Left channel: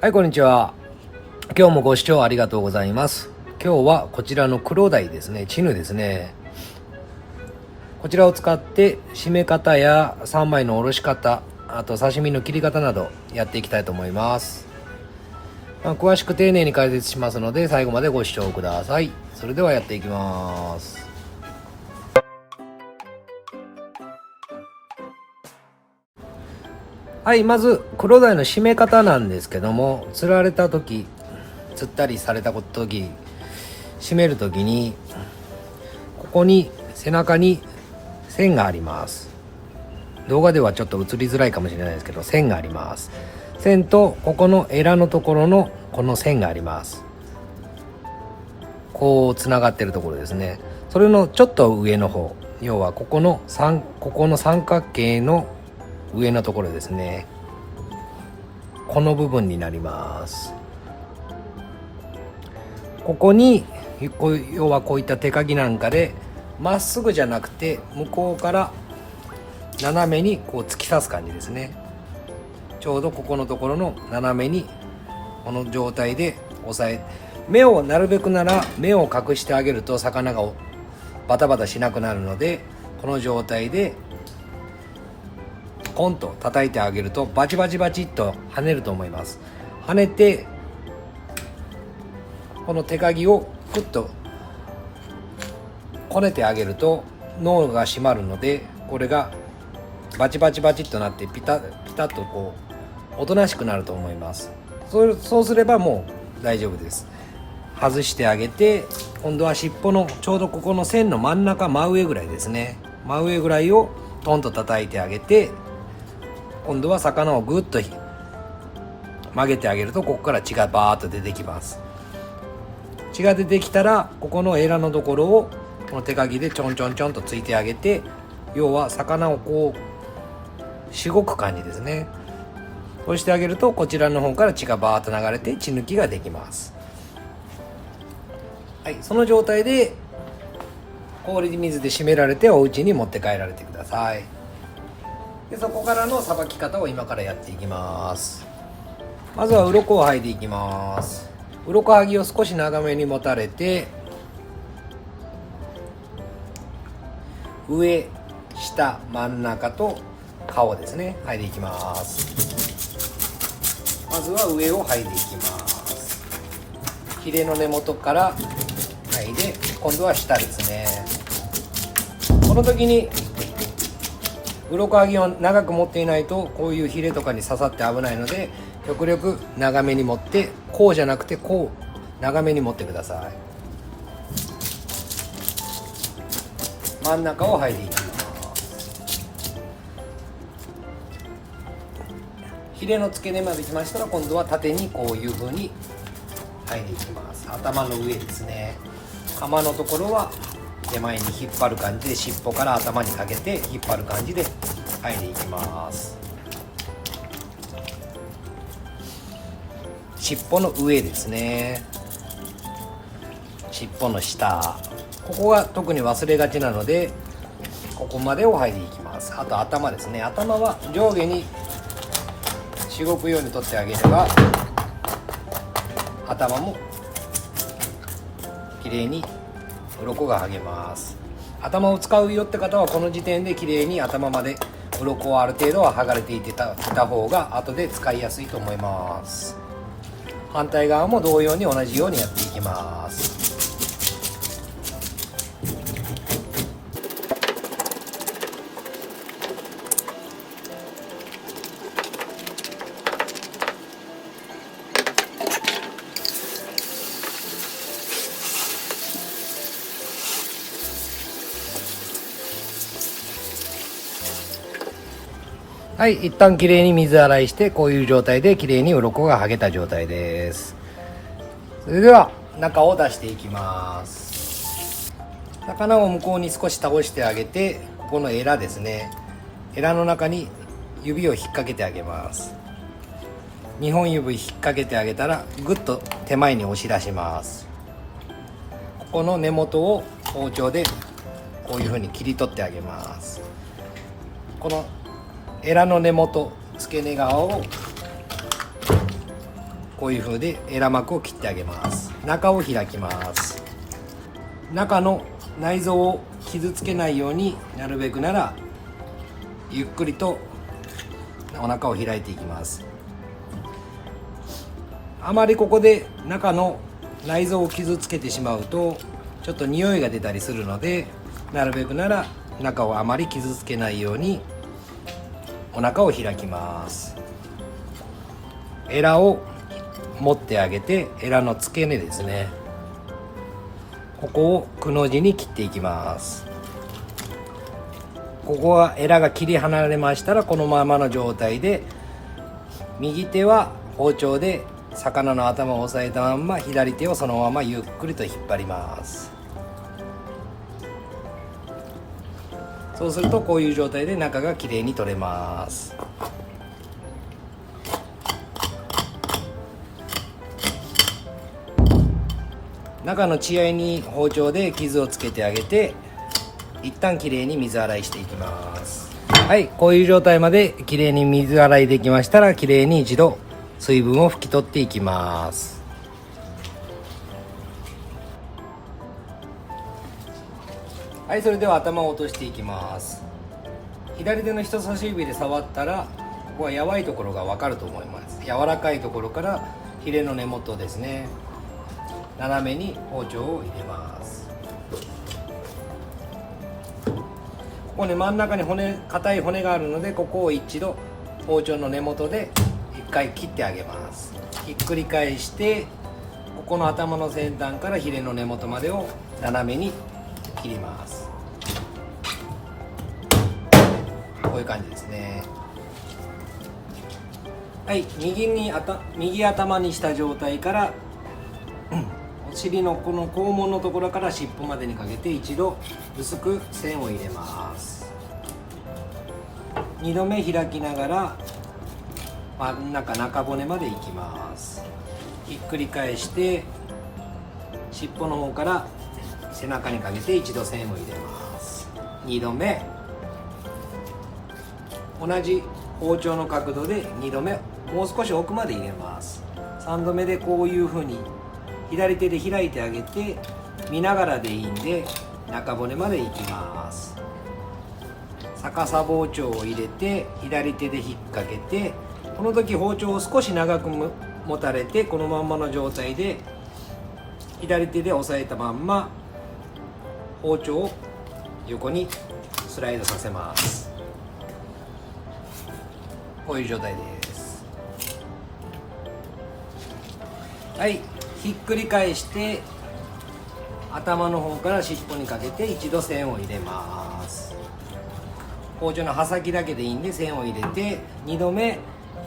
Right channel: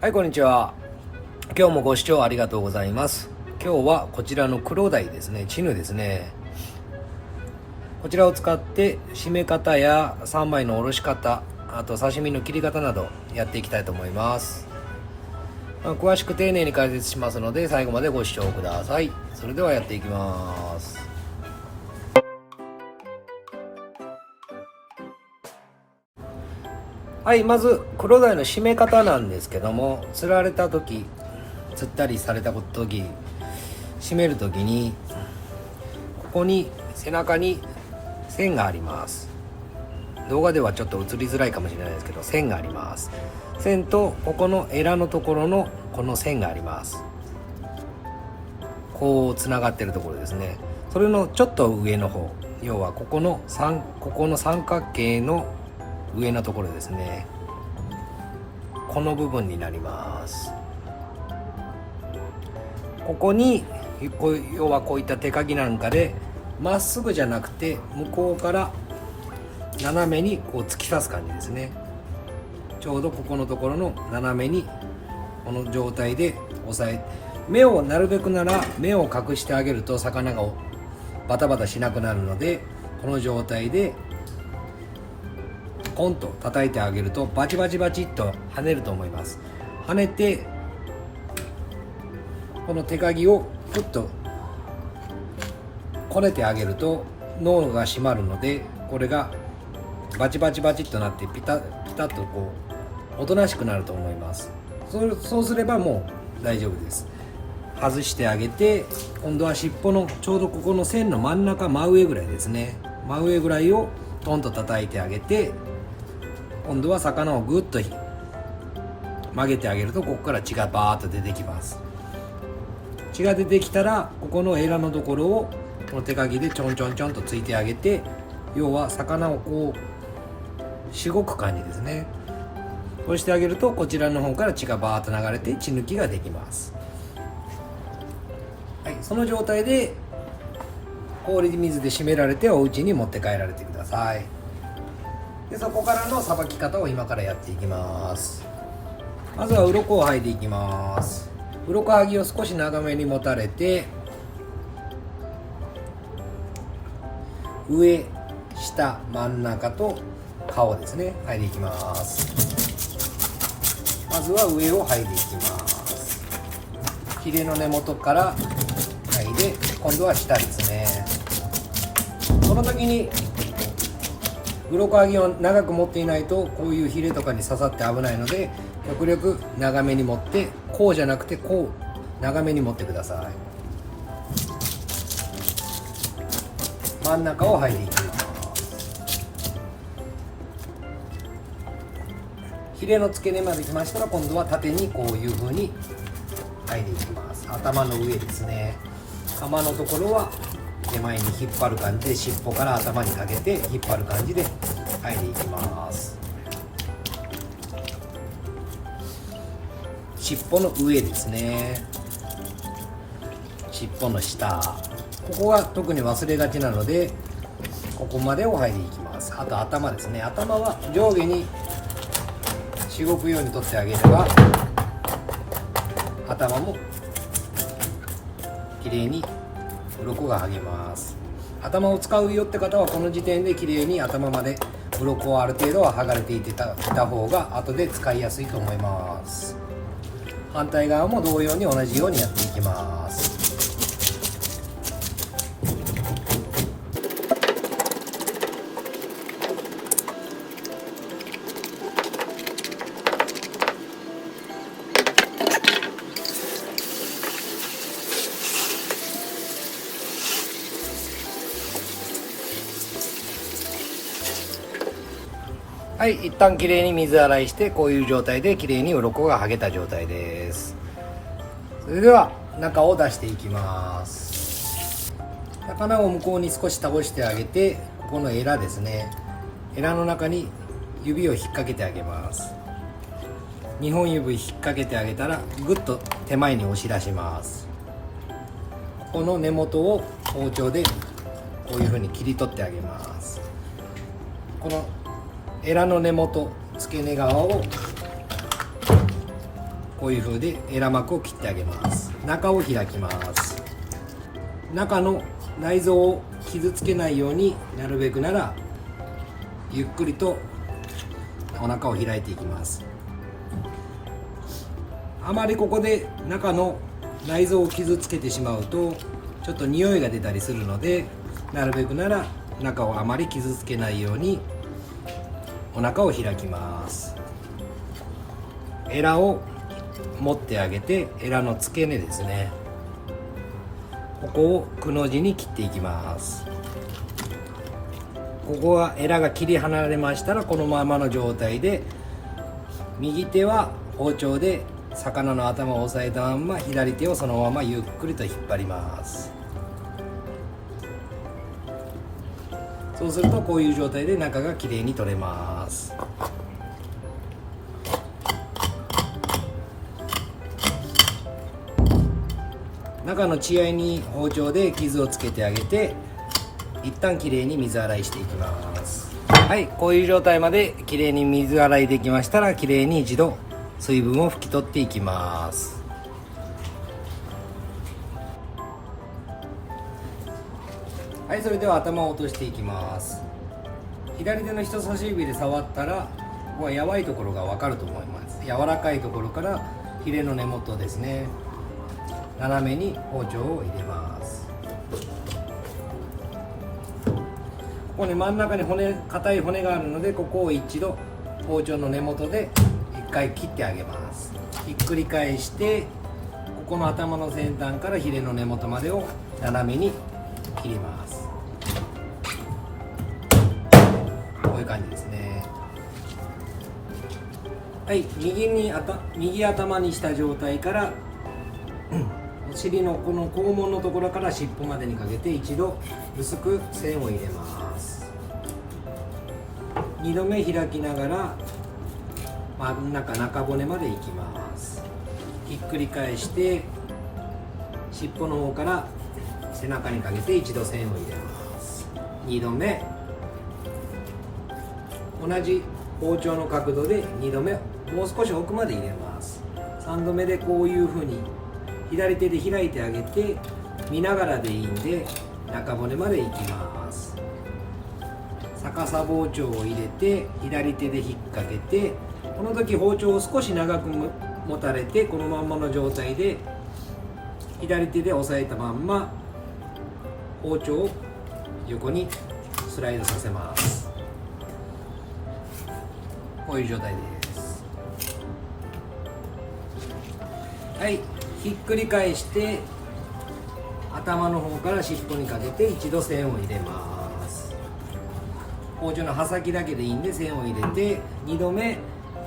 はい、こんにちは。今日もご視聴ありがとうございます。今日はこちらの黒鯛ですね、チヌですね。こちらを使って締め方や三枚のおろし方、あと刺身の切り方などやっていきたいと思います。詳しく丁寧に解説しますので最後までご視聴ください。それではやっていきます。はい、まず黒鯛の締め方なんですけども、釣られた時、釣ったりされた時、締める時にここに背中に線があります。動画ではちょっと映りづらいかもしれないですけど、線があります。線とここのエラのところのこの線があります。こうつながってるところですね。それのちょっと上の方、要はここの三角形の上のところですね。この部分になります。ここに要はこういった手かぎなんかでまっすぐじゃなくて向こうから斜めにこう突き刺す感じですね。ちょうどここのところの斜めにこの状態で押さえ、目をなるべくなら目を隠してあげると魚がバタバタしなくなるので、この状態でコンと叩いてあげるとバチバチバチっと跳ねると思います。跳ねてこの手かぎをふっとこねてあげると脳が締まるので、これがバチバチバチっとなってピタッとこうおとなしくなると思います。そうすればもう大丈夫です。外してあげて、今度は尻尾のちょうどここの線の真ん中真上ぐらいですね、真上ぐらいをトンと叩いてあげて、今度は魚をぐっと曲げてあげるとここから血がバーッと出てきます。血が出てきたらここのエラのところをこの手かぎでちょんちょんちょんとついてあげて、要は魚をこうしごく感じですね。こうしてあげるとこちらの方から血がバーッと流れて血抜きができます。はい、その状態で氷水で締められてお家に持って帰られてください。でそこからのさばき方を今からやっていきます。まずは鱗を剥いでいきます。鱗剥ぎを少し長めに持たれて、上下真ん中と顔ですね、剥いでいきます。まずは上を剥いでいきます。ヒレの根元から剥いで、今度は下ですね。この時に鱗剥ぎを長く持っていないとこういうヒレとかに刺さって危ないので、極力長めに持って、こうじゃなくてこう長めに持ってください。真ん中を剥いでいきます。ヒレの付け根まで来ましたら、今度は縦にこういう風に剥いでいきます。頭の上ですね。釜のところは手前に引っ張る感じで、尻尾から頭にかけて引っ張る感じで剥いでいきます。尻尾の上ですね。尻尾の下、ここが特に忘れがちなのでここまでを剥いでいきます。あと頭ですね。頭は上下にしごくように取ってあげれば頭もきれいに鱗が剥げます。頭を使うよって方はこの時点できれいに頭まで鱗をある程度は剥がれていた方が後で使いやすいと思います。反対側も同様に同じようにやっていきます。はい、一旦きれいに水洗いして、こういう状態できれいに鱗が剥げた状態です。それでは中を出していきます。魚を向こうに少し倒してあげて、ここのエラですね、エラの中に指を引っ掛けてあげます。2本指引っ掛けてあげたらぐっと手前に押し出します。ここの根元を包丁でこういう風に切り取ってあげます。このエラの根元、付け根側をこういう風でエラ膜を切ってあげます。中を開きます。中の内臓を傷つけないように、なるべくならゆっくりとお腹を開いていきます。あまりここで中の内臓を傷つけてしまうとちょっと匂いが出たりするので、なるべくなら中をあまり傷つけないようにお腹を開きます。エラを持ってあげて、エラの付け根ですね、ここをくの字に切っていきます。ここはエラが切り離れましたら、このままの状態で右手は包丁で魚の頭を押さえたまんま、左手をそのままゆっくりと引っ張ります。そうするとこういう状態で中がきれいに取れます。中の血合いに包丁で傷をつけてあげて、一旦きれいに水洗いしていきます。はい、こういう状態まできれいに水洗いできましたら、きれいに一度水分を拭き取っていきます。はい、それでは頭を落としていきます。左手の人差し指で触ったら、ここはやばいところがわかると思います。柔らかいところからヒレの根元ですね、斜めに包丁を入れます。ここね、真ん中に硬い骨があるので、ここを一度包丁の根元で一回切ってあげます。ひっくり返して、ここの頭の先端からヒレの根元までを斜めに切ります。こういう感じですね。はい、右頭にした状態から、お尻のこの肛門のところから尻尾までにかけて一度薄く線を入れます。2度目開きながら真ん中中骨までいきます。ひっくり返して尻尾の方から背中にかけて一度線を入れます。2度目、同じ包丁の角度で2度目もう少し奥まで入れます。3度目でこういう風に左手で開いてあげて、見ながらでいいんで中骨までいきます。逆さ包丁を入れて左手で引っ掛けて、この時包丁を少し長く持たれて、このまんまの状態で左手で押さえたまんま包丁を横にスライドさせます。こういう状態です。はい、ひっくり返して頭の方から尻尾にかけて一度線を入れます。包丁の刃先だけでいいんで線を入れて、2度目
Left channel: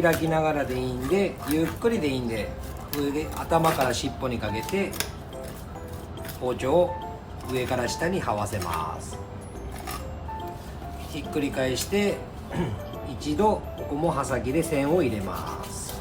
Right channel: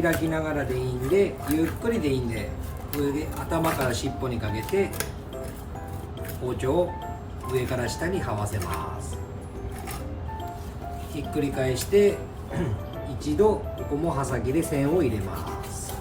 開きながらでいいんで、ゆっくりでいいんで上で頭から尻尾にかけて包丁を上から下に這わせます。ひっくり返して一度ここも刃先で線を入れます。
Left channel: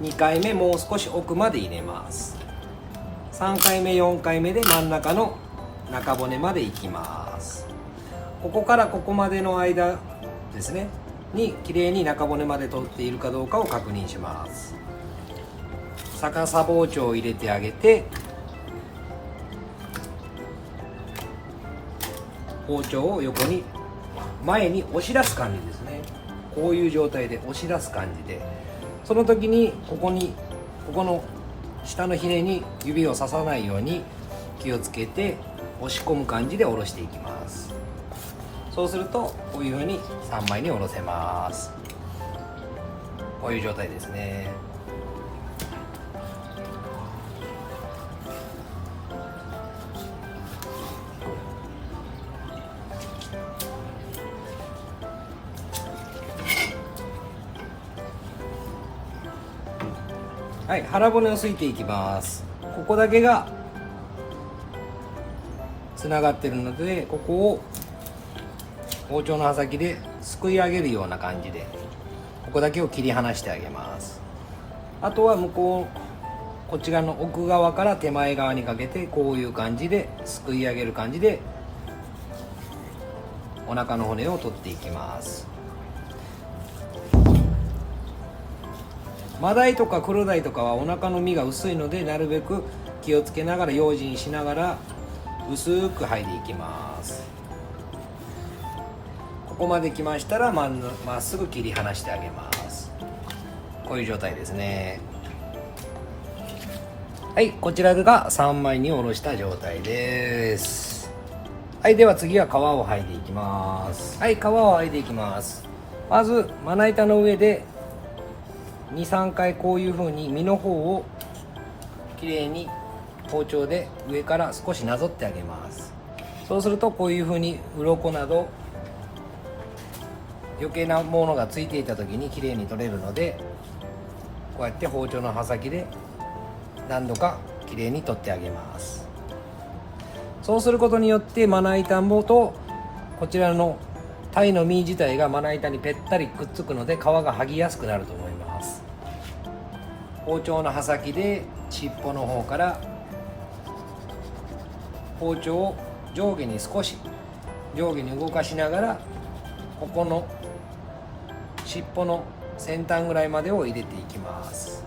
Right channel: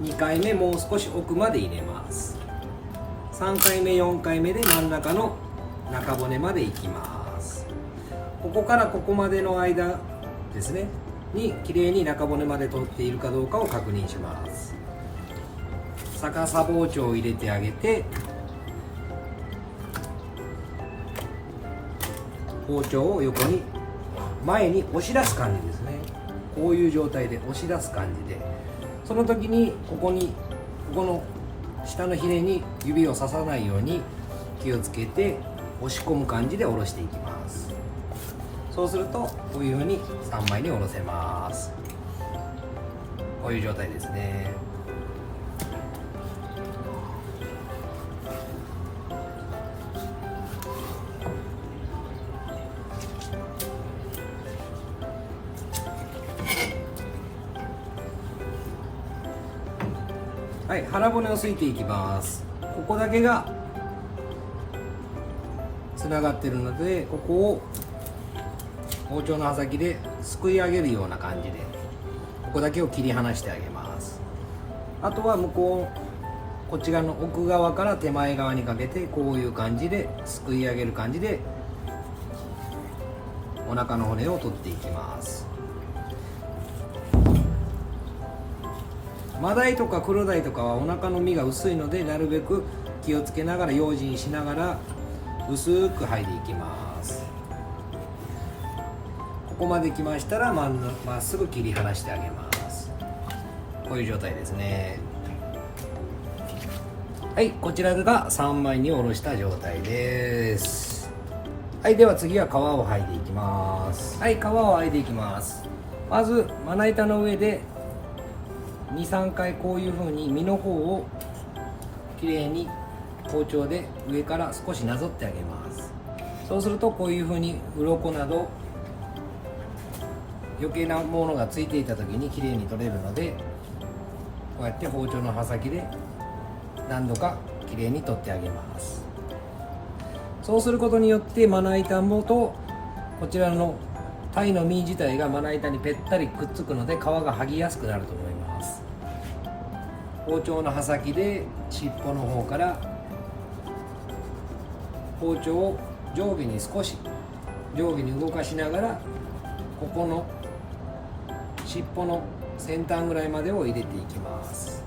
2回目もう少し奥まで入れます。3回目4回目で真ん中の中骨までいきます。ここからここまでの間ですねにきれいに中骨まで取っているかどうかを確認します。逆さ包丁を入れてあげて、包丁を横に前に押し出す感じですね。こういう状態で押し出す感じで、その時にここの下のヒレに指を刺さないように気をつけて押し込む感じで下ろしていきます。そうするとこういう風に3枚に下ろせます。こういう状態ですね。はい、腹骨をすいていきます。ここだけがつながってるので、ここを包丁の刃先ですくい上げるような感じでここだけを切り離してあげます。あとはこっち側の奥側から手前側にかけてこういう感じですくい上げる感じでお腹の骨を取っていきます。マダイとかクロダイとかはお腹の身が薄いので、なるべく気をつけながら用心しながら薄く剥いでいきます。ここまで来ましたらまっすぐ切り離してあげます。こういう状態ですね。はい、こちらが3枚におろした状態です。はい、では次は皮を剥いでいきます。はい、皮を剥いでいきます。まずまな板の上で 2,3 回こういう風に身の方をきれいに包丁で上から少しなぞってあげます。そうするとこういう風に鱗など余計なものがついていた時にきれいに取れるので、こうやって包丁の刃先で何度かきれいに取ってあげます。そうすることによってまな板もとこちらの鯛の身自体がまな板にぺったりくっつくので、皮が剥ぎやすくなると思います。包丁の刃先で尻尾の方から包丁を上下に動かしながら、ここの尻尾の先端ぐらいまでを入れていきます。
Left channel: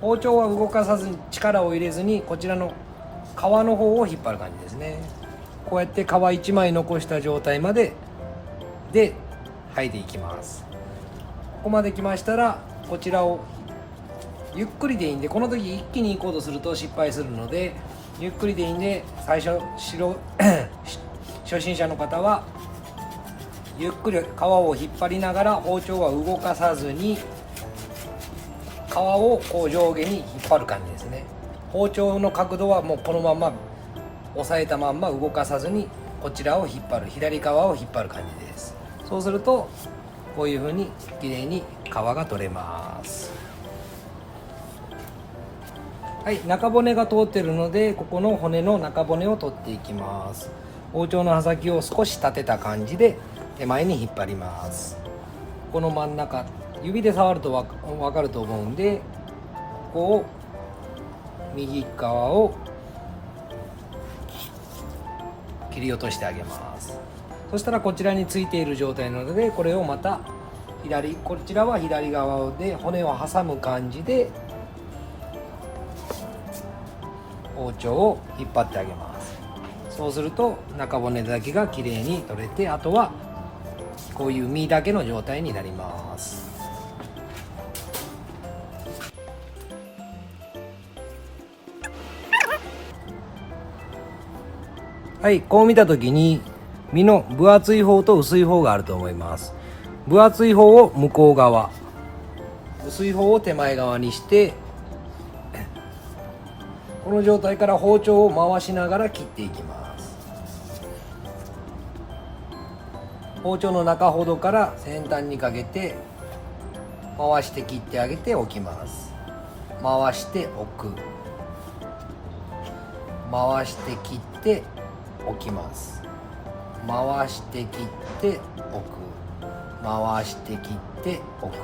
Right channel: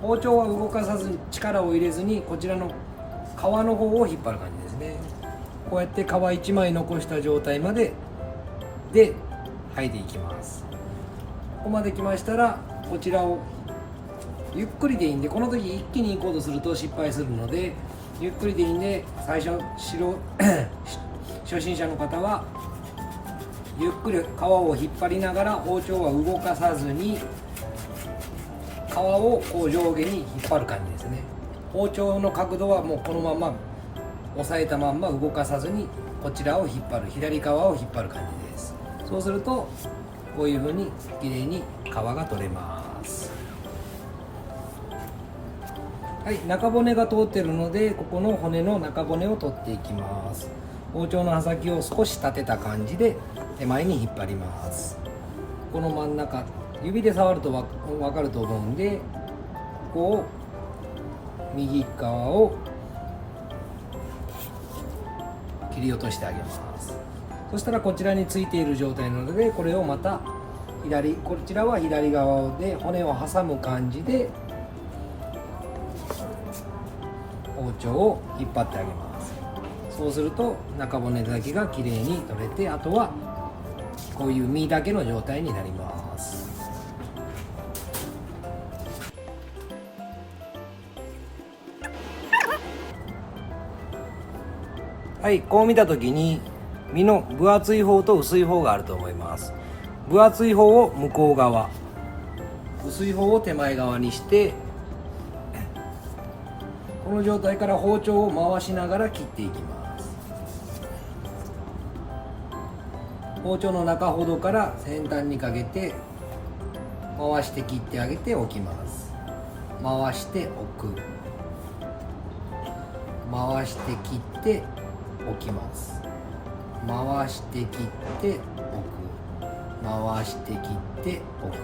包丁は動かさずに力を入れずに、こちらの皮の方を引っ張る感じですね。こうやって皮1枚残した状態まで剥いでいきます。ここまで来ましたら、こちらをゆっくりでいいんで、この時一気に行こうとすると失敗するので、ゆっくりでいいんで、最初初心者の方はゆっくり皮を引っ張りながら、包丁は動かさずに皮をこう上下に引っ張る感じですね。包丁の角度はもうこのまま押さえたまんま動かさずに、こちらを引っ張る、左側を引っ張る感じです。そうするとこういう風にきれいに皮が取れます。はい、中骨が通っているので、ここの骨の中骨を取っていきます。包丁の刃先を少し立てた感じで手前に引っ張ります。この真ん中、指で触ると分かると思うんで、ここを右側を切り落としてあげます。そしたらこちらについている状態なので、これをまたこちらは左側で骨を挟む感じで包丁を引っ張ってあげます。そうすると中骨だけがきれいに取れて、あとはこういう身だけの状態になります。はい、こう見た時に身の分厚い方と薄い方があると思います。分厚い方を向こう側、薄い方を手前側にして、この状態から包丁を回しながら切っていきます。包丁の中ほどから先端にかけて回して切ってあげておきます。回しておく、回して切っておきます。回して切っておく、回して切っておく。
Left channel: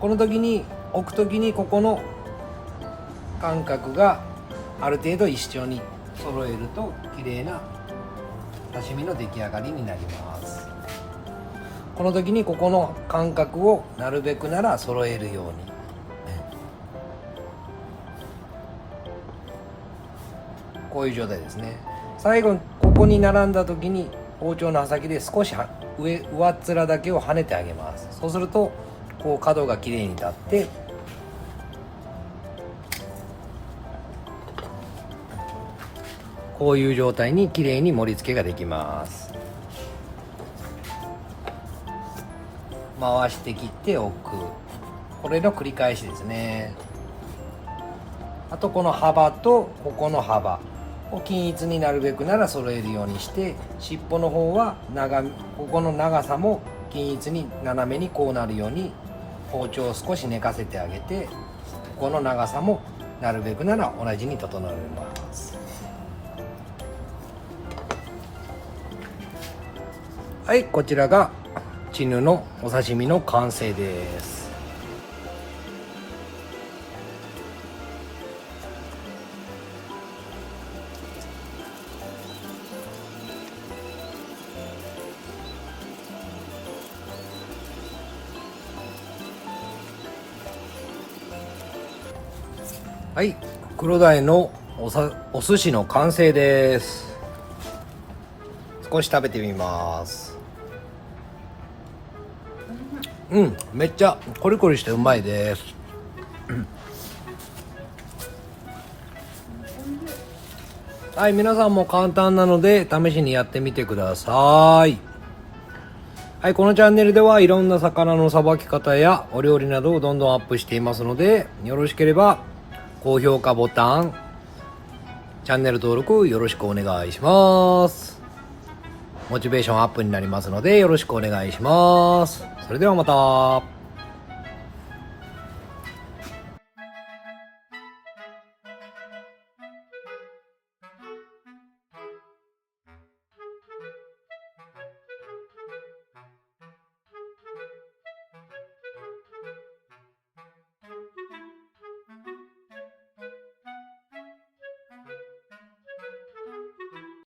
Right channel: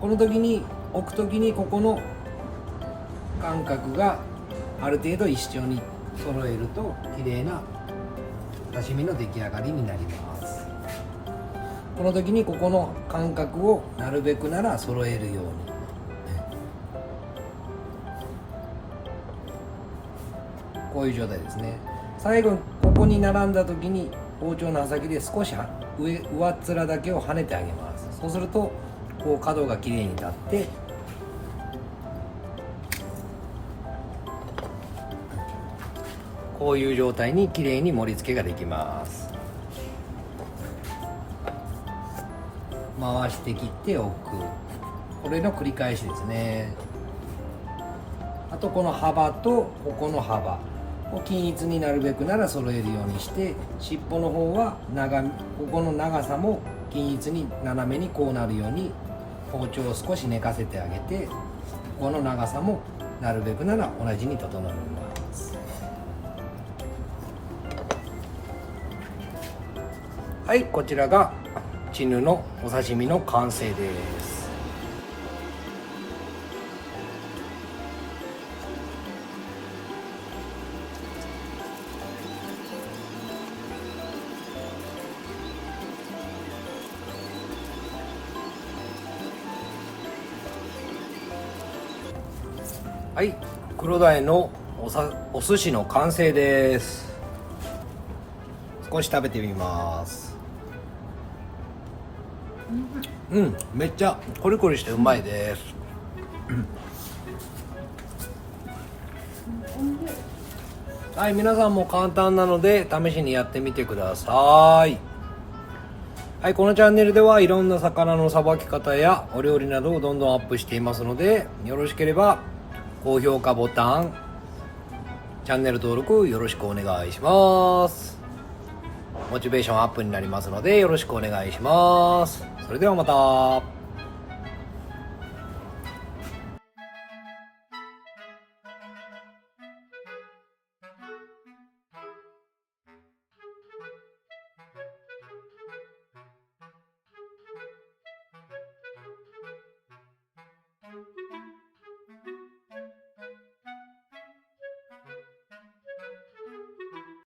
この時に置く時にここの間隔がある程度一緒に揃えると綺麗な刺身の出来上がりになります。この時にここの間隔をなるべくなら揃えるように、こういう状態ですね。最後にここに並んだ時に包丁の刃先で少し上っ面だけを跳ねてあげます。そうするとこう角がきれいに立って、こういう状態にきれいに盛り付けができます。回して切っておく、これの繰り返しですね。あとこの幅とここの幅を均一になるべくなら揃えるようにして、尻尾の方はここの長さも均一に斜めにこうなるように包丁を少し寝かせてあげて、ここの長さもなるべくなら同じに整えます。はい、こちらがチヌのお刺身の完成です。はい、黒鯛のお寿司の完成です。少し食べてみます。めっちゃコリコリしてうまいです。はい、皆さんも簡単なので試しにやってみてください。はい、このチャンネルではいろんな魚のさばき方やお料理などをどんどんアップしていますので、よろしければ高評価ボタン、チャンネル登録よろしくお願いします。モチベーションアップになりますのでよろしくお願いします。それではまた。